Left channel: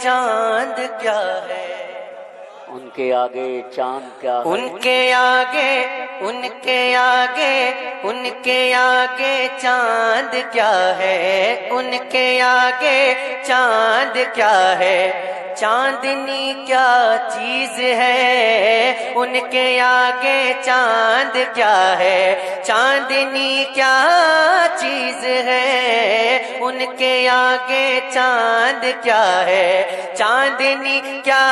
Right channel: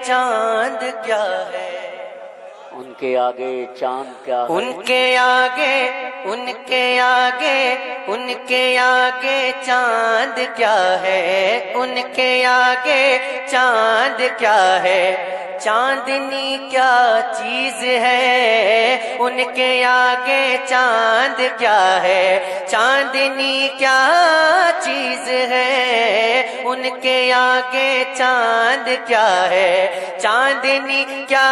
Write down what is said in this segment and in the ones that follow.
چاند کیا ہے، ان کے آگے چاند کیا ہے، ان کے آگے، ان کے آگے، ان کے آگے چاند کیا ہے، ان کے آگے چاند کیا ہے، چاندنی کیا چیز ہے، ان کے آگے چاند کیا ہے، چاندنی کیا چیز ہے، ان کے آگے چاند کیا ہے، چاندنی کیا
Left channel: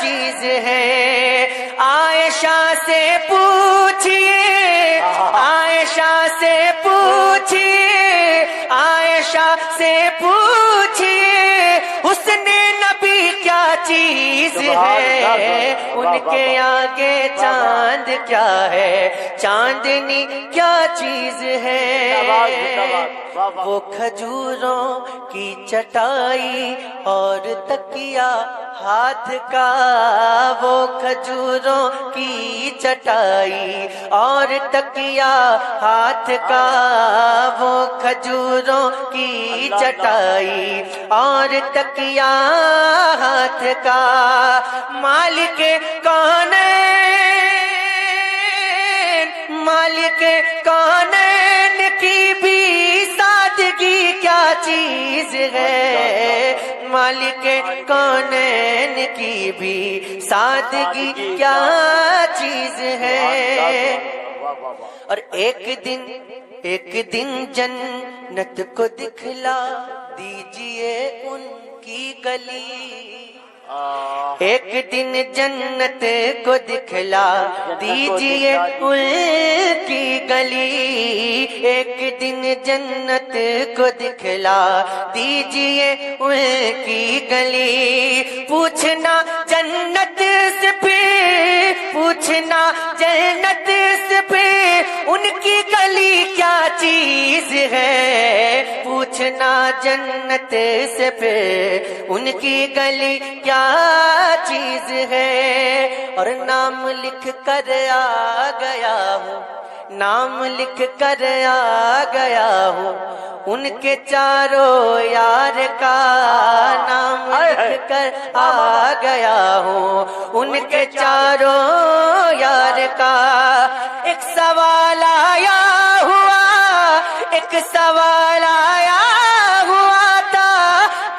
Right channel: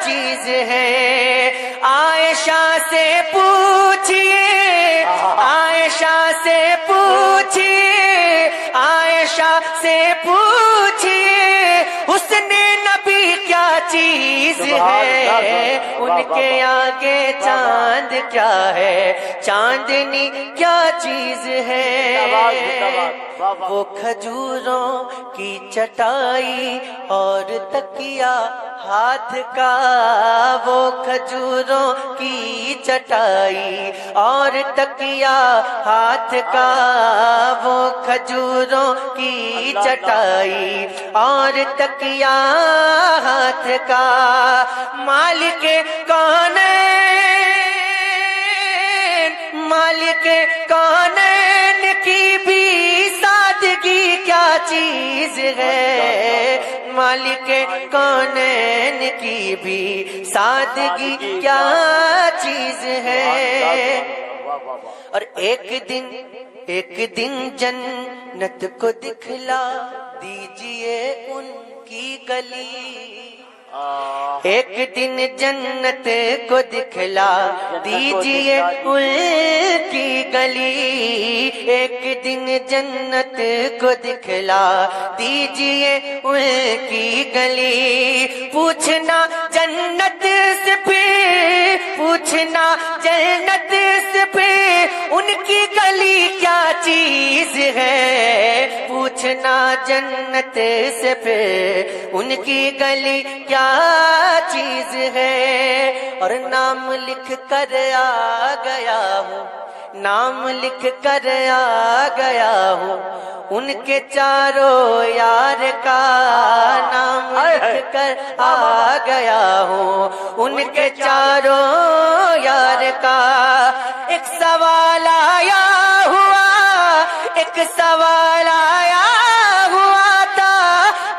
چیز ہے۔ عائشہ سے پوچھئے، عائشہ سے پوچھئے، عائشہ سے پوچھئے، حسن نبی کیا چیز ہے، ان کے آگے چاند کیا ہے، چاندنی کیا چیز ہے۔ وہ کھجوروں کی چٹائی اور تکیہ ہاتھ کا، وہ کھجوروں کی چٹائی اور تکیہ ہاتھ کا، وہ کھجوروں کی چٹائی اور تکیہ ہاتھ کا، مالک کون مالک کونین کی بھی سادگی کیا چیز ہے، مالک کونین کی بھی سادگی کیا چیز ہے۔ اور ایک دن جنت کو دکھلا دیجئے ان کی گلی، ایک دن جنت کو دکھلا دیجئے ان کی گلی، ایک دن جنت کو دکھلا دیجئے ان کی گلی، پوچھنا جنت سے پھر، پوچھنا جنت سے پھر ان کی گلی کیا چیز ہے، پوچھنا جنت سے پھر ان کی گلی کیا چیز ہے۔ اور نام لکھ کر آ گیا ہوں، نام لکھ کر آ گیا ہوں ان کے چاروں یار کا، نام لکھ کر آ گیا ہوں ان کے چاروں یار کا۔ ایک سوال آیا ہوا، ایک سوال آیا ہوا تھا،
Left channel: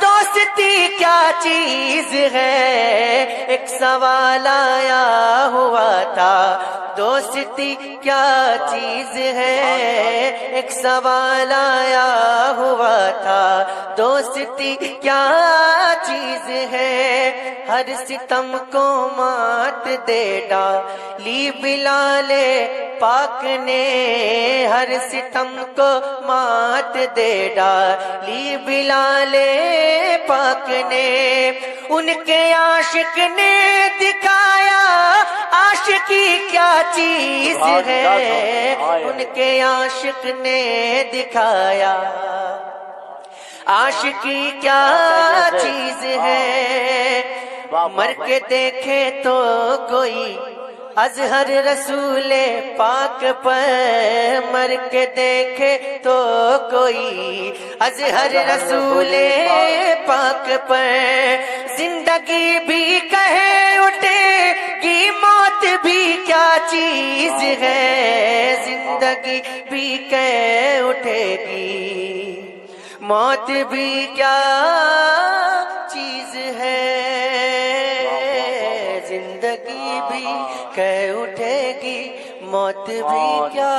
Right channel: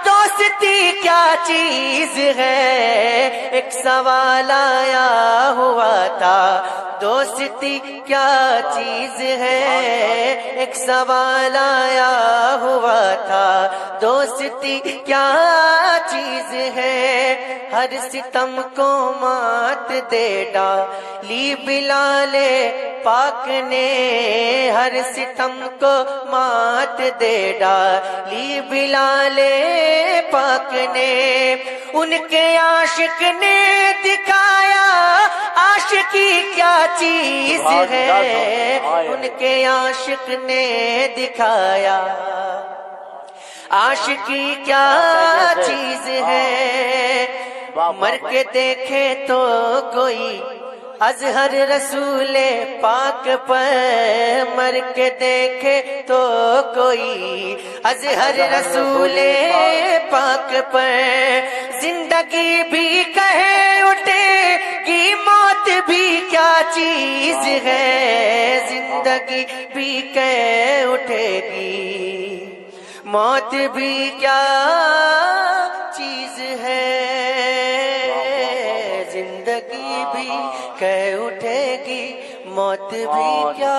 دوستی کیا چیز ہے، ایک سوال آیا ہوا تھا، دوستی کیا چیز ہے، ایک سوال آیا ہوا تھا، دوستی کیا چیز ہے۔ ہر ستم کو مات دے ڈالی بلال پاک نے، ہر ستم کو مات دے ڈالی بلال پاک نے، ان کے عاشق نے دکھایا عاشقی کیا چیز ہے، ان کے عاشق نے دکھایا عاشقی کیا چیز ہے۔ مر کے دیکھے تو کوئی اظہر رسول پاک پر، مر کے دیکھے تو کوئی اظہر رسول پاک پر، زندگی بھی کہے اٹھے کہ موت بھی کیا چیز ہے، زندگی بھی کہے اٹھے گی موت بھی کیا چیز ہے، زندگی بھی کہہ اٹھے گی موت بھی کیا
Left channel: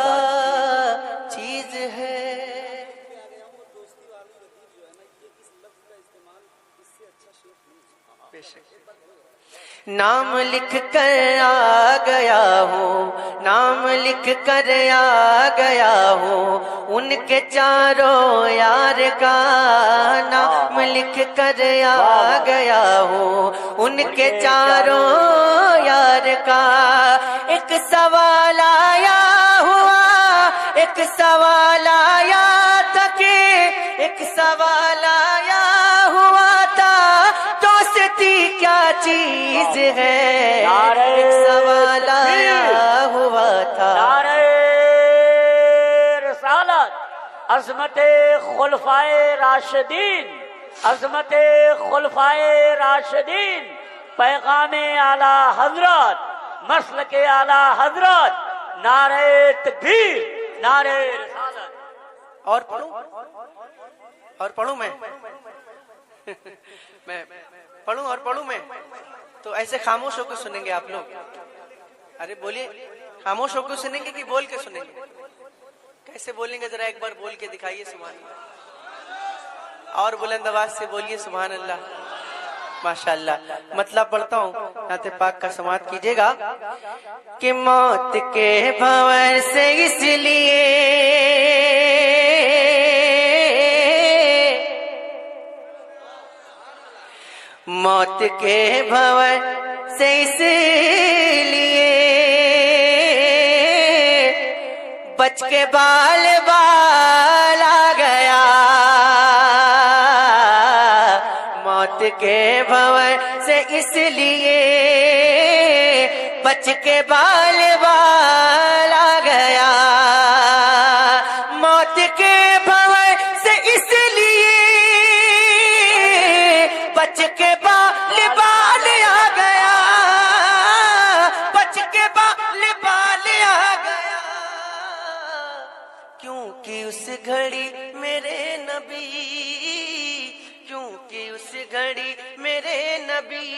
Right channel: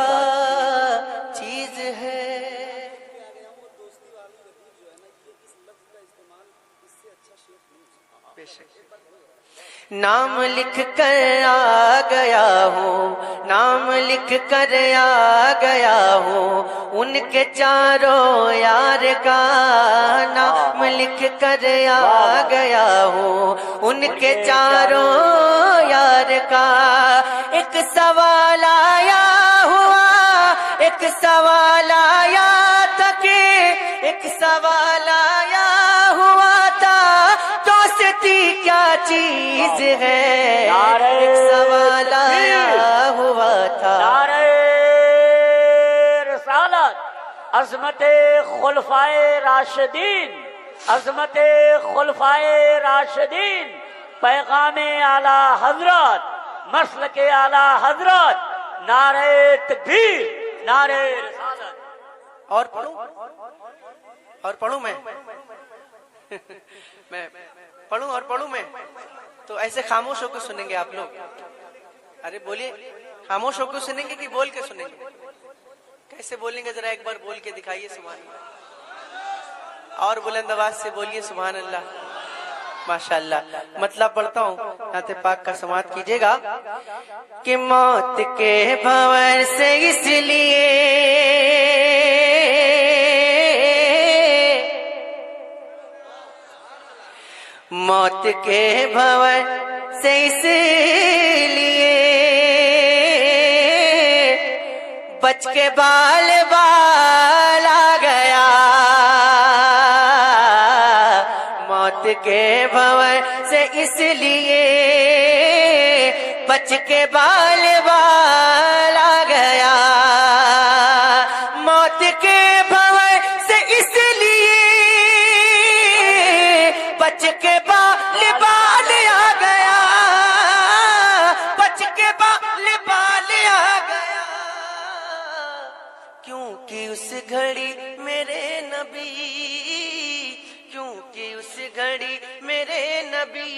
چیز ہے۔ نام لکھ کر آ گیا ہوں، نام لکھ کر آ گیا ہوں ان کے چاروں یار کا، نام لکھ کر آ گیا ہوں ان کے چاروں یار کا۔ ایک سوال آیا ہوا، ایک سوال آیا تھا کہ، ایک سوال آیا ہوا تھا، دوستی کیا چیز ہے، ایک سوال آیا ہوا تھا۔ رسالت، عظمت خلفائے راشدین، عظمت خلفائے پیغام اعلی حضرت، مسلک اعلی حضرت، نعرے تکبیر، نعرے رسالت۔ اور پڑھوں میں میں پڑھوں میں تو ایسے خاموش ہو کے سنیں گے آپ لوگ؟ ارے بولیے، خاموش ہو کے سنیں گے کہ بول کے سنیں گے؟ کیسے بولیں گے ذرا ایک بار بول کے دکھائیے سبحان اللہ، اور بلند آواز سے بولیے سبحان اللہ۔ ماشاءاللہ، مطلب پڑھتا ہوں، نعت پاک کا سماعت کیجیے گا کہ موت کے بھنور سے اس لیے موت کے بھنور سے اس لیے بچ کے بال بال آ گیا، موت کے بھنور سے اس لیے بچ کے بال بال آ گیا، موت کے بھنور سے اس لیے بچ کے بال بال آ گیا، بچ کے بال بال آ گیا، کیونکہ اس گھڑی میرے نبی، کیونکہ اس گھڑی میرے نبی،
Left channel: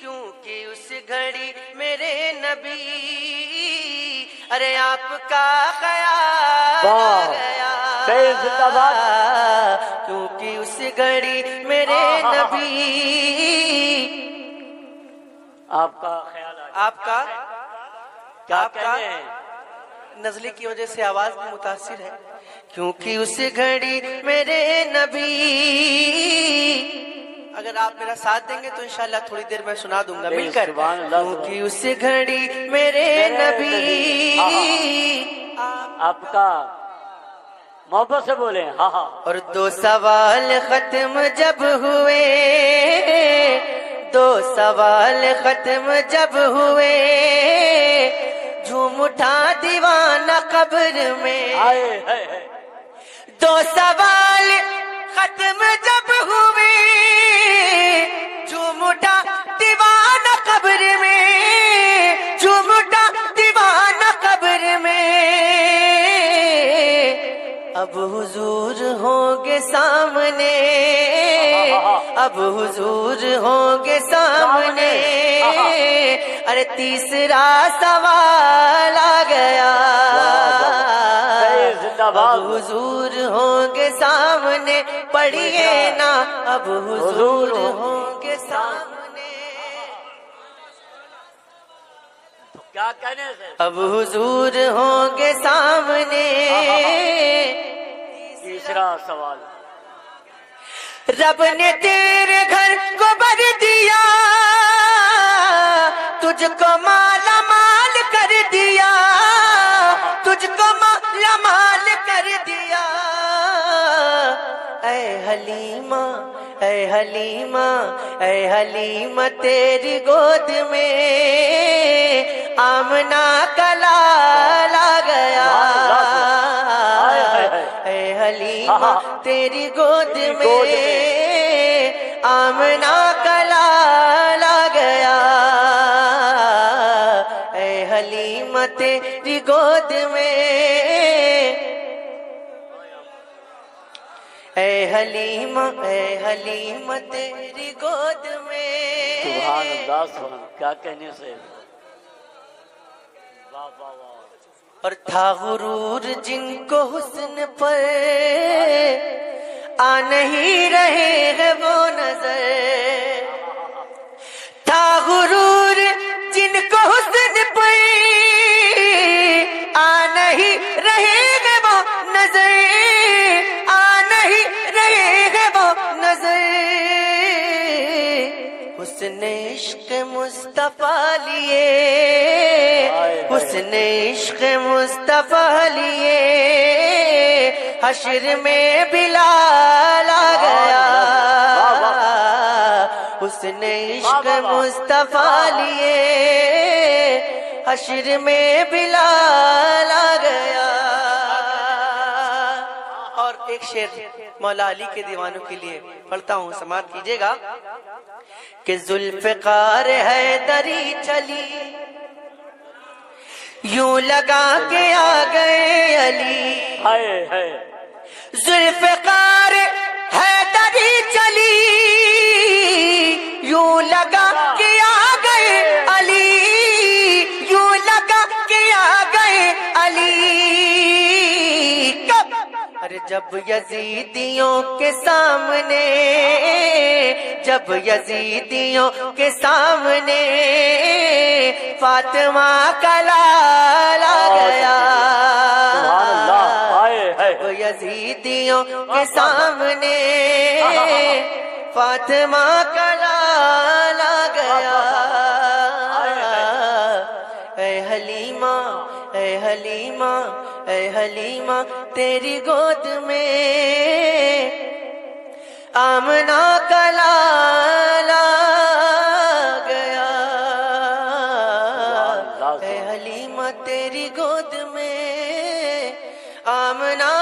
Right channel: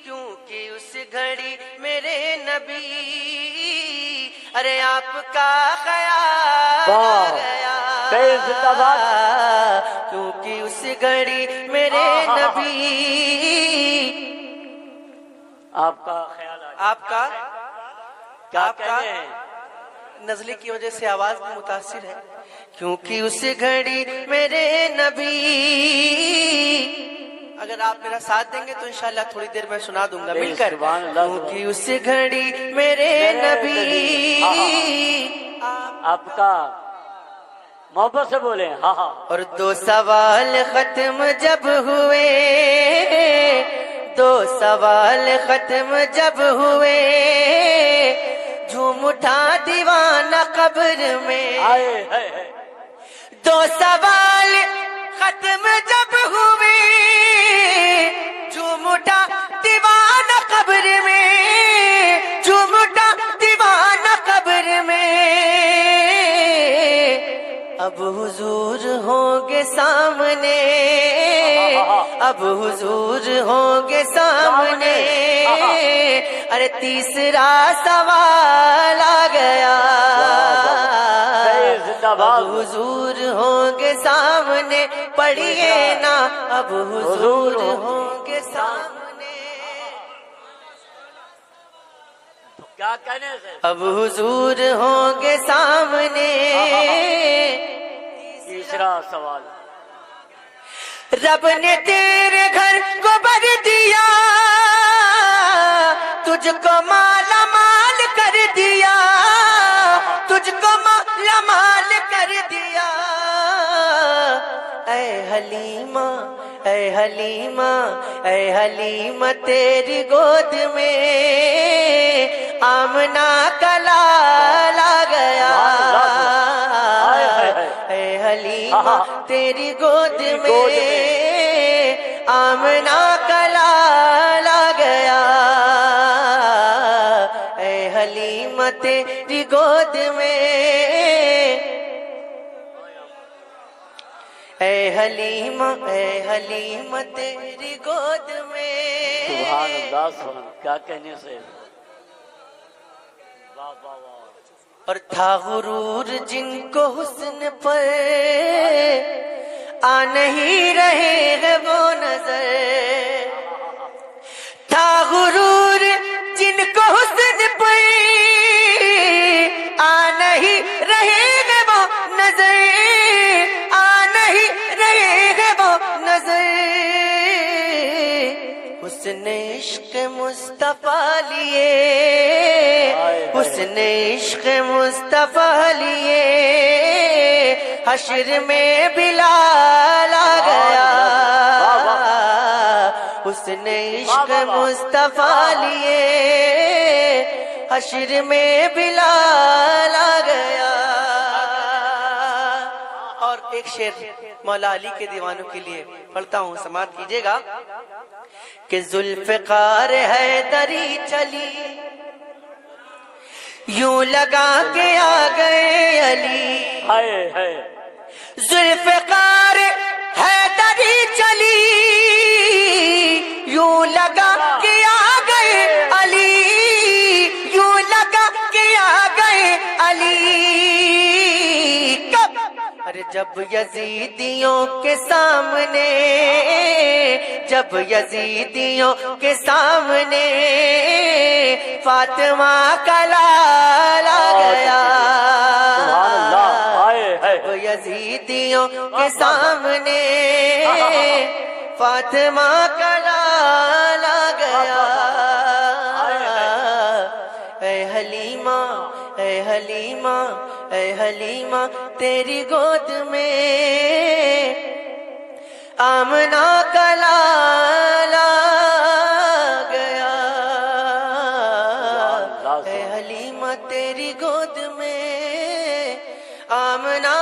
کیونکہ اس گھڑی میرے نبی، ارے آپ کا خیال آ گیا، کیونکہ اس گھڑی میرے نبی، آپ کا خیال ہے، آپ کا کیا کہتے ہیں؟ نزلے کی وجہ سے آواز میں متاثر ہے، کیونکہ اس گھڑی میرے نبی، اگر آپ میرا ساتھ دیں گے تو انشاءاللہ تھوڑی دیر میں سنا دوں گا مل کر، کیونکہ اس گھڑی میرے نبی، آپ کا محبت سے بولے ہاں ہاں۔ اور دو سوال ختم جب ہوئے، دو سوال ختم جب ہوئے، جھوم اٹھا دیوانہ قبر میں، دو سوال ختم جب ہوئے، جھوم اٹھا دیوانہ قبر میں، جھوم اٹھا دیوانہ قبر میں، اب حضور ہوں گے سامنے، اب حضور ہوں گے سامنے، ارے تیسرا سوال آ گیا، اب حضور ہوں گے سامنے، پڑھیے نا اب حضور ہوں گے سامنے، کیا کریں؟ اب حضور ہوں گے سامنے، تیسرا سوال، رب نے تیرے گھر کو بھر دیا، تجھ کو مالا مال کر دیا، تجھ کو مالا مال کر دیا، اے حلیمہ، اے حلیمہ، اے حلیمہ تیری گود میں آمنہ کا لال آ گیا، اے حلیمہ تیری گود میں آمنہ کا لال آ گیا، اے حلیمہ تیری گود میں، اے حلیمہ، اے حلیمہ تیری گود میں، سبحان اللہ، کیا کہنے سے، واہ واہ واہ۔ اور تھا غرور جن کو حسن پر آ نہیں رہے ہیں وہ نظر، تھا غرور جن کو حسن پر آ نہیں رہے ہیں وہ نظر، آ نہیں رہے ہیں وہ نظر، حسن عشق مصطفیٰ لیے، حسن عشق مصطفیٰ لیے، حشر میں بلال آ گیا، حسن عشق مصطفیٰ لیے، حشر میں بلال آ گیا، اور ایک شعر مولا علی کے دیوانوں کے لیے پڑھتا ہوں، سماعت کیجیے گا کہ ذوالفقار حیدری چلی یوں لگا کے آ گئے علی ہائے ہائے ذوالفقار حیدری چلی یوں لگا کے آ گئے علی یوں لگا کے آ گئے علی کب ارے جب یزیدیوں کے سامنے جب یزیدیوں کے سامنے فاطمہ کا لالا گیا جب یزیدیوں کے سامنے فاطمہ کا لالا گیا اے حلیمہ اے حلیمہ اے حلیمہ تیری گود میں آمنہ کا لالا گیا اے حلیمہ تیری گود میں آمنہ